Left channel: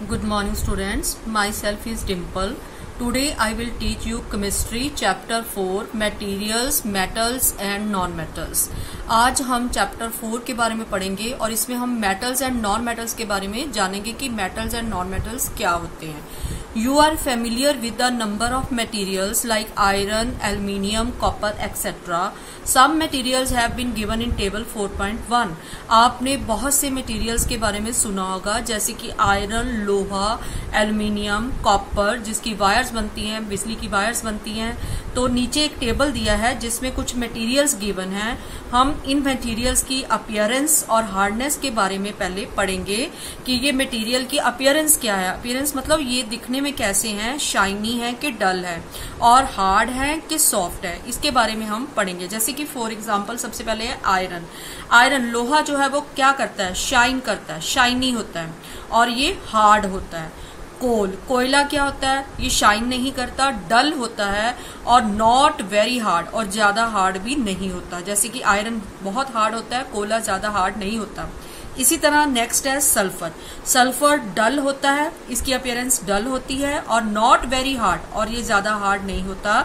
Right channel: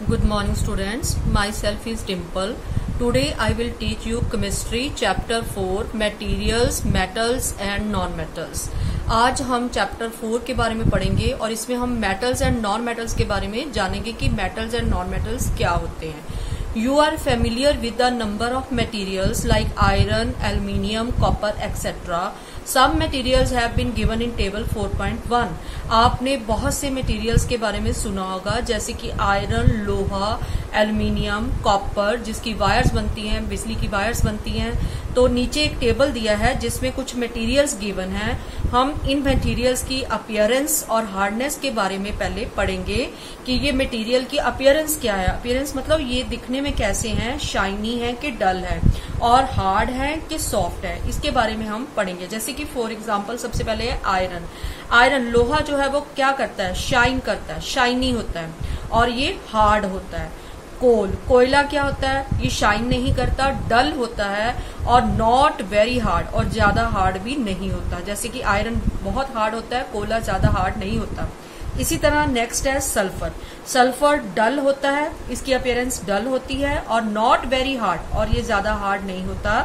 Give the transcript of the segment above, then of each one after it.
Good morning students, myself is Dimple. Today I will teach you chemistry chapter 4 materials, metals and non-metals. आज हम chapter 4 के बारे में पढ़ेंगे और इसमें हम मेटल्स एंड नॉन मेटल्स के बारे में जानेंगे कि मेटल्स एंड नॉन मेटल्स क्या होते हैं. You are familiar with the number of materials like iron, aluminium, copper, etc. Some materials have been given in table 4.1. आपने बहुत से materials के बारे में सुना होगा जैसे कि आयरन, लोहा, एल्यूमिनियम, कॉपर जिसकी वायर्स बनती हैं, बिजली की वायर्स बनती हैं. तो नीचे एक टेबल दिया है जिसमें कुछ मटेरियल्स गिवन हैं. हम इन मटेरियल्स की अपीयरेंस और हार्डनेस के बारे में पहले पढ़ेंगे कि ये मटेरियल की अपीयरेंस क्या है. अपीयरेंस मतलब ये दिखने में कैसे हैं, शाइनी है कि डल है, और हार्ड है कि सॉफ्ट है, इसके बारे में हम पढ़ेंगे. जैसे कि फॉर एग्जांपल सबसे पहले है आयरन. आयरन लोहा जो है वो क्या करता है, शाइन करता है, शाइनी होता है और ये हार्ड होता है. कोयला क्या होता है, ये शाइन नहीं करता, डल होता है और नॉट वेरी हार्ड, और ज्यादा हार्ड भी नहीं होता. जैसे कि आयरन बहुत हार्ड होता है, कोयला ज्यादा हार्ड नहीं होता. इसी तरह नेक्स्ट है सल्फर. सल्फर डल होता है, इसकी अपीयरेंस डल होती है और नॉट वेरी हार्ड, और ये ज्यादा हार्ड नहीं होता.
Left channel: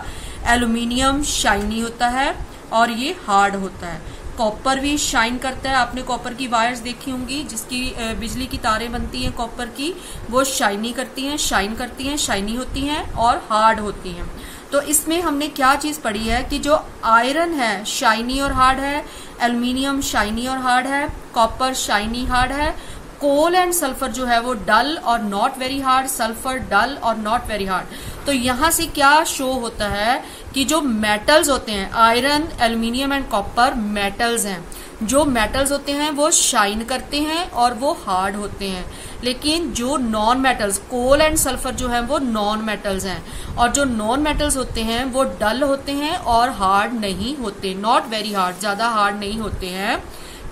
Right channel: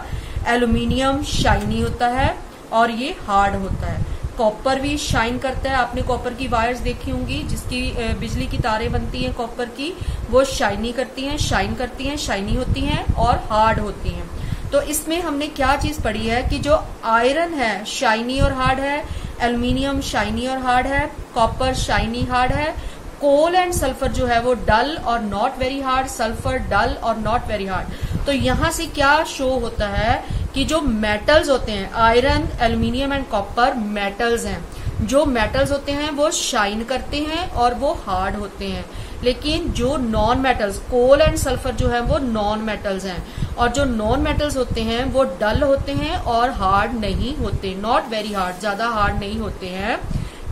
एल्यूमिनियम शाइनी होता है और ये हार्ड होता है. कॉपर भी शाइन करता है. आपने कॉपर की वायर्स देखी होंगी जिसकी बिजली की तारें बनती हैं कॉपर की, वो शाइनी करती हैं, शाइन करती हैं, शाइनी होती हैं और हार्ड होती हैं. तो इसमें हमने क्या चीज पढ़ी है कि जो आयरन है शाइनी और हार्ड है, एल्यूमिनियम शाइनी और हार्ड है, कॉपर शाइनी हार्ड है, कोल एंड सल्फर जो है वो डल और नॉट वेरी हार्ड, सल्फर डल और नॉट वेरी हार्ड. तो यहां से क्या शो होता है कि जो मेटल्स होते हैं, iron, aluminium and copper metals हैं. जो मेटल्स होते हैं वो शाइन करते हैं और वो हार्ड होते हैं. लेकिन जो non metals, coal and sulphur जो है वो नॉन मेटल्स हैं, और जो नॉन मेटल्स होते हैं वो डल होते हैं और हार्ड नहीं होते, नॉट वेरी हार्ड, ज्यादा हार्ड नहीं होते हैं.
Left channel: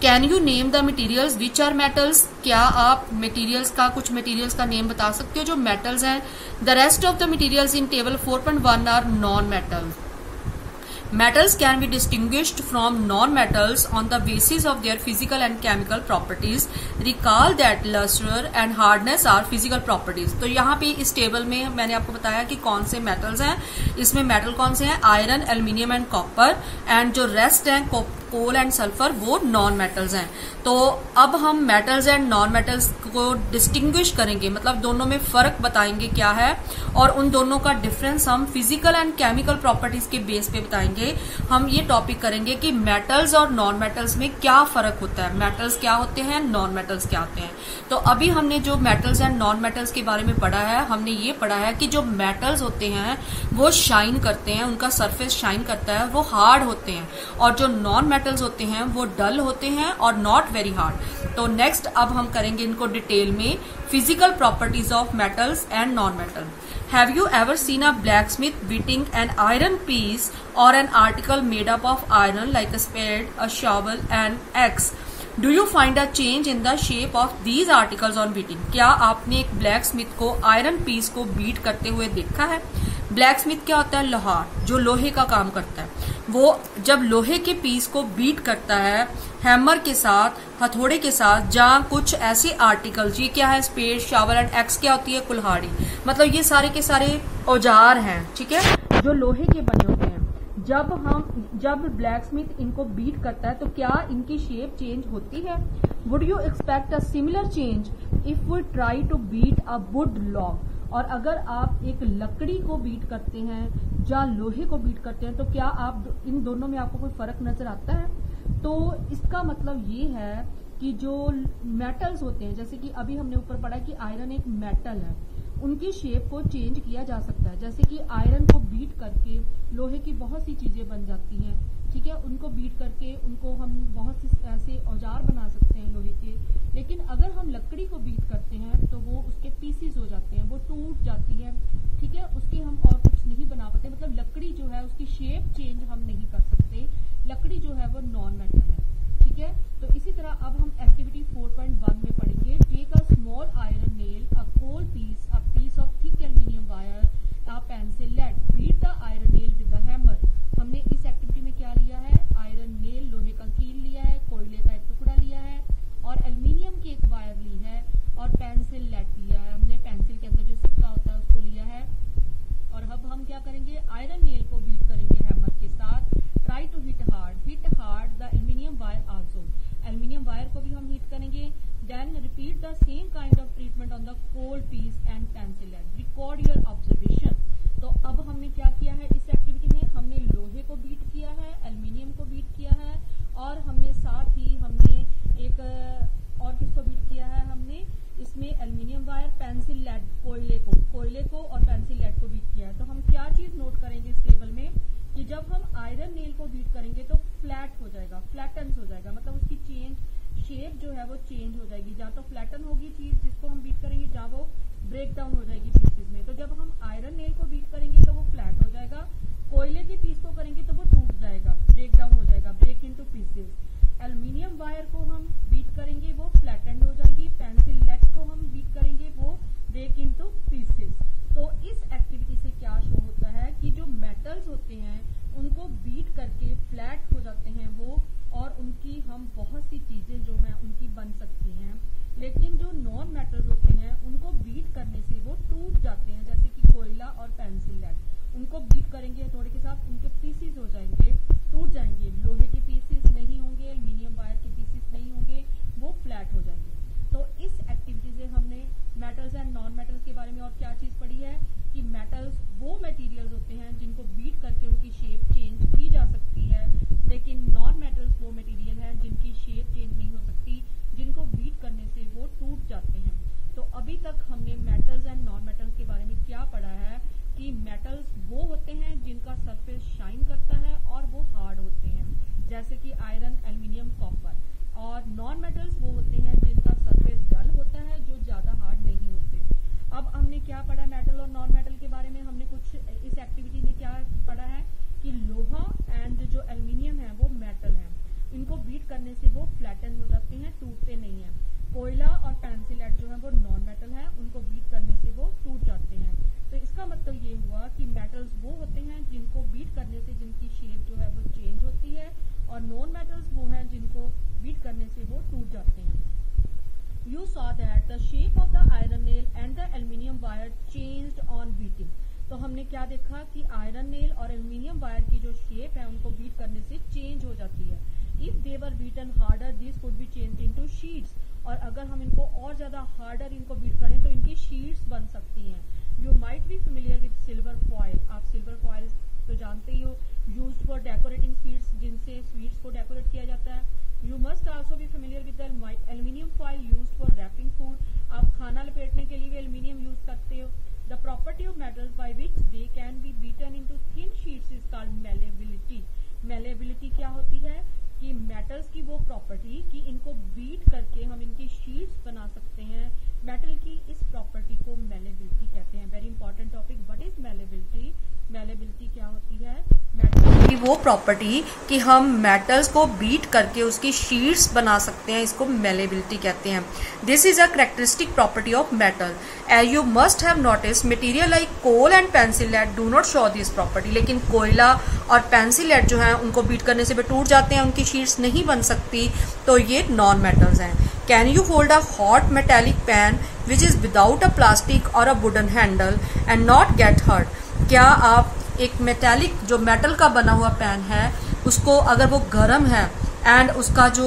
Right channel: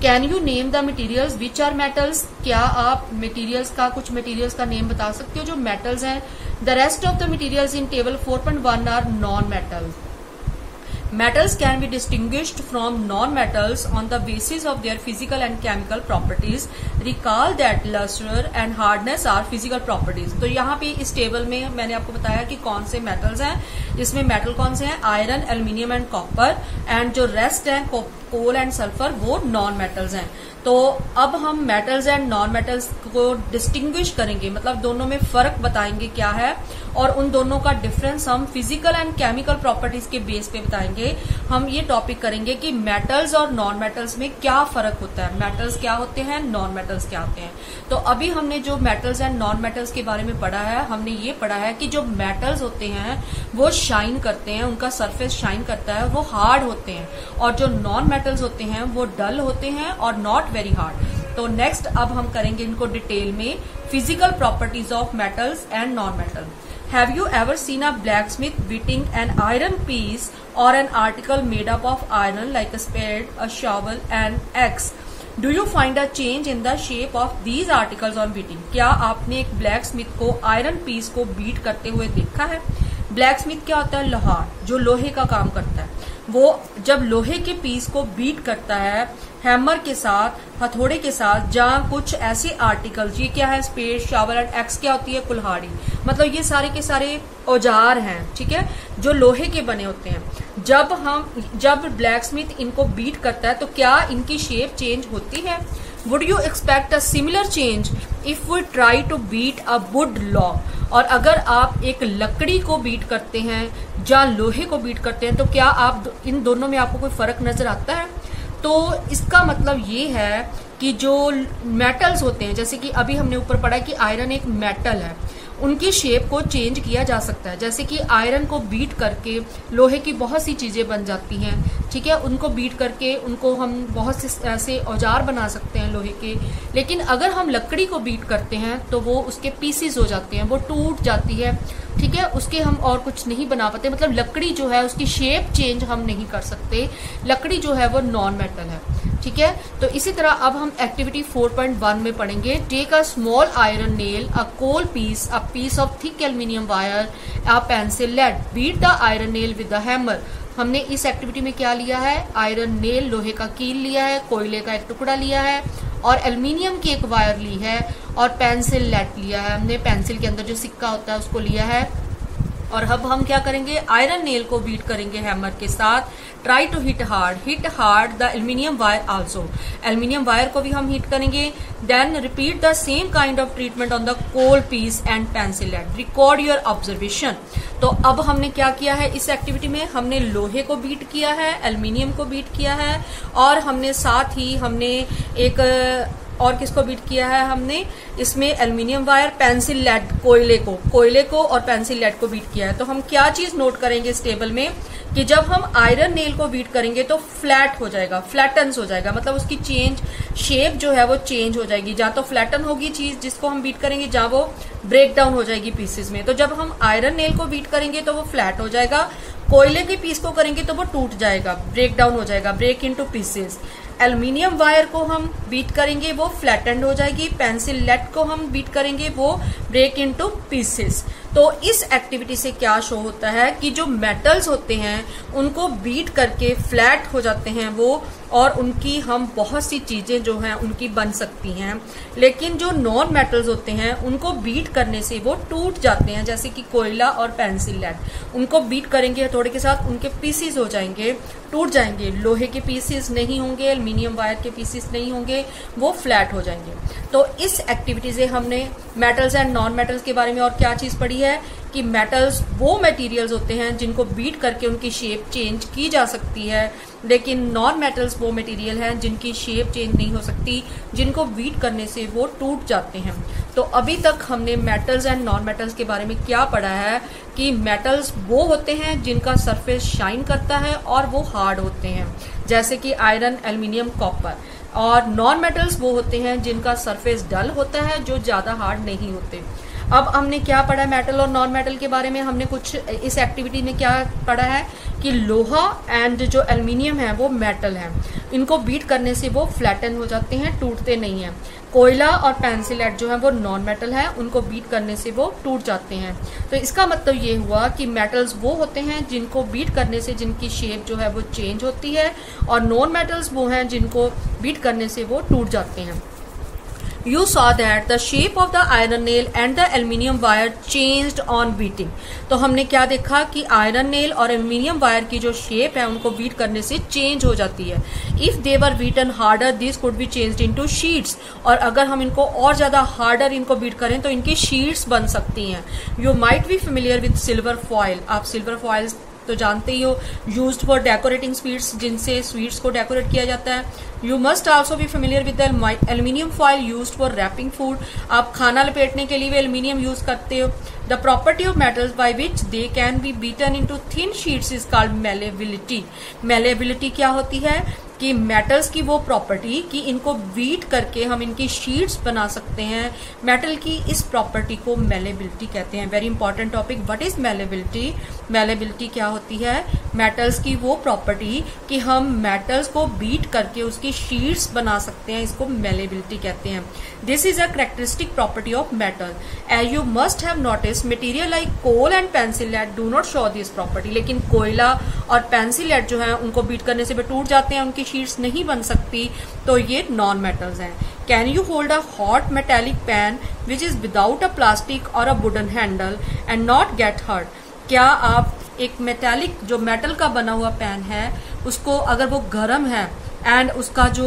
Can you name the materials which are metals. क्या आप मटीरियल्स का, कुछ मटीरियल्स का नेम बता सकते हो जो मेटल्स हैं. The rest of the materials in table 4.1 are non metal. Metals can be distinguished from non-metals on the basis of their physical and chemical properties. Recall that luster and hardness are physical properties. तो यहाँ पे इस table में मैंने आपको बताया कि कौन से मेटल्स हैं. इसमें मेटल कौन से हैं, iron, aluminium and copper, and जो रेस्ट हैं कोल एंड सल्फर वो नॉन मेटल्स हैं. तो अब हम मेटल्स एंड नॉन मेटल्स को डिस्टिंग्विश करेंगे, मतलब दोनों में फर्क बताएंगे क्या है, और उन दोनों का डिफरेंस हम फिजिकल एंड केमिकल प्रॉपर्टीज के बेस पे बताएंगे. हम ये टॉपिक करेंगे कि मेटल्स और नॉन मेटल्स में क्या फर्क होता है, मेटल्स क्या होते हैं, नॉन मेटल्स क्या होते हैं. तो अभी हमने जो मेटल्स एंड नॉन मेटल्स के बारे में पढ़ा है, हमने ये पढ़ा है कि जो मेटल्स होते हैं वो शाइन करते हैं, उनका सरफेस शाइन करता है, वो हार्ड होते हैं, और जो नॉन मेटल्स होते हैं वो डल होते हैं और नॉट वेरी हार्ड. तो नेक्स्ट अब हम करेंगे इनको डिटेल में, physical properties of metals and non metal. Have you ever seen a blacksmith beating an iron piece or an article made up of iron like a spade, a shovel and axe? Do you find a change in the shape of these articles on beating? क्या आपने एक blacksmith को iron piece को beat करते हुए देखा है. Blacksmith क्या होता है, लोहार, जो लोहे का काम करता है. वो जब लोहे के पीस को बीट करता है हैमर के साथ, हथौड़े के साथ, जहाँ कुछ ऐसे आर्टिकल्स, ये क्या है, स्पेड, शावल एंड एक्स क्या होती है, कुल्हाड़ी, मतलब ये सारे के सारे औजार हैं, ठीक है, जो लोहे के बने होते हैं. जब ब्लैकस्मिथ इनको बीट करता है तो क्या इनकी शेप चेंज होती है. Would you expect a similar change if we try to beat a wood log. और अगर आप एक लकड़ी को बीट करते हैं या लोहे को बीट करते हैं तो क्या आप इन दोनों में आपको कोई फर्क नजर आता है. तो इसका मतलब ये है कि जो मेटल्स होते हैं, जैसे कि अभी हमने ऊपर पढ़ा कि आयरन एक मेटल है, उनकी शेप को चेंज किया जा सकता है. जैसे कि आयरन को बीट करके लोहे की बहुत सी चीजें बन जाती हैं, ठीक है, उनको बीट करके उनको हम बहुत से ऐसे औजार बना सकते हैं लोहे के. लेकिन अगर हम लकड़ी को बीट करते हैं तो वो उसके पीसीज हो जाते हैं, वो टूट जाती है, ठीक है, उसके हम और कुछ नहीं बना पाते. मतलब लकड़ी जो है उसकी शेप चेंज हम नहीं कर सकते, लकड़ी जो है वो नॉन मेटल है, ठीक है. तो इसी तरह अब हम एक्टिविटी 4.1 में पढ़ेंगे. Take a small iron nail, a coal piece, a piece of thick aluminium wire, a pencil lead, beat the iron nail with the hammer. हमने इस एक्टिविटी में क्या लिया है, आयरन नेल, लोहे का कील लिया है, कोयले का एक टुकड़ा लिया है और एल्युमिनियम की एक वायर ली है और पेंसिल लेड लिया है हमने, पेंसिल के अंदर जो सिक्का होता है उसको लिया है। और अब हम क्या करेंगे, आयरन नेल को बीट करेंगे हैमर के साथ। Try to hit hard the aluminium wire also, aluminium wire को भी हम हिट करेंगे। Then repeat the same kind of treatment on the coal piece and pencil lead, record your observation. तो अब हमने क्या किया है इस एक्टिविटी में, हमने लोहे को बीट किया है, एल्युमिनियम को बीट किया है, और हमने साथ ही हमने एक और किसको बीट किया है, हमने इसमें एल्युमिनियम वायर, पेंसिल लेड, कोयले को और पेंसिल लेड को बीट किया है। तो हम क्या चीज नोट करेंगे इस टेबल में कि जब हम आयरन नेल को बीट करेंगे तो फ्लैट हो जाएगा, फ्लैटन्स हो जाएगा, मतलब उसकी शेप जो है वो चेंज हो जाएगी। जहां तो फ्लैटन होगी चीज जिसको हम बीट करेंगे, जहां वो ब्रेक डाउन हो जाएगी पीसेस में। तो जब हम आयरन नेल को बीट करेंगे तो वो फ्लैट हो जाएगा, कोयले के पीस को करेंगे तो वो टूट जाएगा, ब्रेक डाउन हो जाएगा, break into pieces. Aluminium wire को हम बीट करेंगे वो फ्लैटेंड हो जाएगी, पेंसिल लेड को हम बीट करेंगे वो ब्रेक इनटू पीसेस। तो इस एक्टिविटी से क्या शो होता है कि जो मेटल्स होते हैं उनको बीट करके फ्लैट हो जाते हैं वो, और उनकी हम बहुत सी चीजें जो हैं उनकी बन सकती हैं। लेकिन जो नॉन मेटल्स होते हैं उनको बीट करने से वो टूट जाते हैं, जैसे कि कोयला और पेंसिल लेड, उनको बीट करेंगे हथौड़े के साथ, उनके पीसेस हो जाएंगे, टूट जाएंगे। लोहे के पीसेस नहीं होंगे, एल्युमिनियम वायर के पीसेस नहीं होंगे, वो फ्लैट हो जाएंगे। तो इस एक्टिविटी से हमने मेटल्स एंड नॉन मेटल्स के बारे में और क्या चीज पढ़ी है कि मेटल्स वो मटेरियल्स होते हैं जिनको बीट करके उनकी शेप चेंज की जा सकती है, लेकिन नॉन मेटल्स वो मटेरियल हैं जिनकी शेप चेंज नहीं हो सकती, जिनको बीट करने से वो टूट जाते हैं। तो अभी तक हमने मेटल्स एंड नॉन मेटल्स के बारे में क्या पढ़ा है कि मेटल्स वो होते हैं जिनका सरफेस शाइन करता है और वो हार्ड होते हैं, जैसे कि आयरन, एल्युमिनियम, कॉपर। और नॉन मेटल्स वो होते हैं जिनका सरफेस डल होता है, जो ज्यादा हार्ड नहीं होते। अब हमने क्या पढ़ा मेटल और नॉन मेटल के बारे में, हमने कुछ इस एक्टिविटी में क्या पढ़ा है कि लोहा एंड जो एल्युमिनियम है वो मेटल है, इनको बीट करने से वो फ्लैटन हो जाते हैं, टूटते नहीं हैं। कोयला और पेंसिल लेड जो है वो नॉन मेटल है, उनको बीट करने से वो टूट जाते हैं। तो इसका मतलब ये हुआ कि मेटल्स वो होते हैं जिनको बीट करने से जिनकी शेप जो है वो चेंज होती है, और नॉन मेटल्स वो हैं जिनको बीट करने से वो टूट जाते हैं। You saw that the shape of the iron nail and the aluminium wire changed on beating. तो हमने क्या देखा कि आयरन नेल और एल्युमिनियम वायर की जो शेप है उनको बीट करने से चेंज हो जाती है। If they were beaten harder, these could be changed into sheets. और अगर हम इनको और ज्यादा हार्डर इनको बीट करें तो इनकी शीट्स बन सकती हैं। You might be familiar with silver foil. आप सिल्वर फॉइल्स तो जानते ही हो, यूज्ड फॉर डेकोरेटिंग स्वीट्स, जिनसे स्वीट्स को डेकोरेट किया जाता है। You must also be familiar with the aluminium foil used for wrapping food. आप खाना लपेटने के लिए भी एल्युमिनियम यूज करते हो। The property of metals by which they can be beaten into thin sheets is called malleability. Malleability क्या होती है कि मेटल्स की वो प्रॉपर्टी कि इनको बीट करके हम इनकी शीट्स बना सकते हैं, मेटल की इस प्रॉपर्टी को मेलेबिलिटी कहते हैं। Very important topic, what is malleability? Malleability क्या होती है? मेटल्स की वो प्रॉपर्टी कि हम मेटल्स को बीट करके उसकी शीट्स बना सकते हैं, इसको मेलेबिलिटी कहते हैं। This is a characteristic property of metal. As you must have notice material like coal and pencil lead do not show this property. लेकिन कोयला और पेंसिल लेड जो है उनको बीट करने से भी टूट जाते हैं, उनकी शीट्स नहीं बन सकती, तो ये नॉन मेटल्स हैं। Can you hold a hot metallic pan which is without a plastic or a wooden handle and not get hurt? क्या आप एक मेटेलिक जो मेटल का बना हुआ पैन है उसको अगर वो गर्म है एंड उसका जो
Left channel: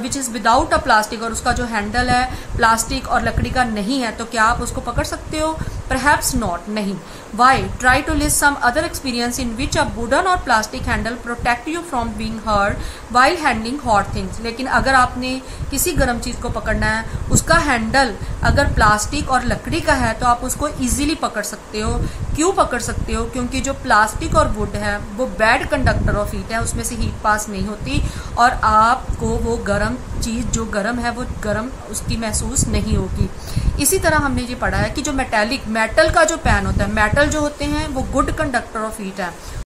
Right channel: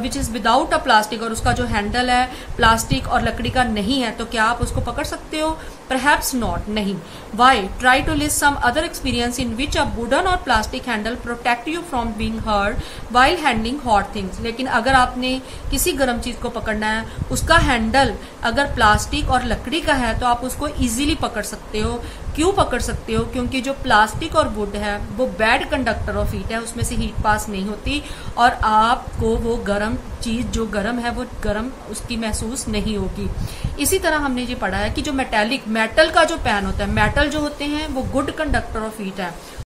विच इज विदाउट अ प्लास्टिक और उसका जो हैंडल है प्लास्टिक और लकड़ी का नहीं है, तो क्या आप उसको पकड़ सकते हो? परहैप्स नॉट, नहीं। Why? Try to list some other experience in which a wooden or plastic handle protect you from being hurt while handling hot things. लेकिन अगर आपने किसी गर्म चीज को पकड़ना है, उसका हैंडल अगर प्लास्टिक और लकड़ी का है तो आप उसको इजीली पकड़ सकते हो। क्यों पकड़ सकते हो? क्योंकि जो प्लास्टिक और वुड है वो बैड कंडक्टर ऑफ हीट है, उसमें से हीट पास नहीं होती और आपको वो गर्म चीज जो गर्म है वो गर्म उसकी महसूस नहीं होगी। इसी तरह हमने ये पढ़ा है कि जो मेटल का जो पैन होता है, मेटल जो होते हैं वो गुड कंडक्टर ऑफ हीट है।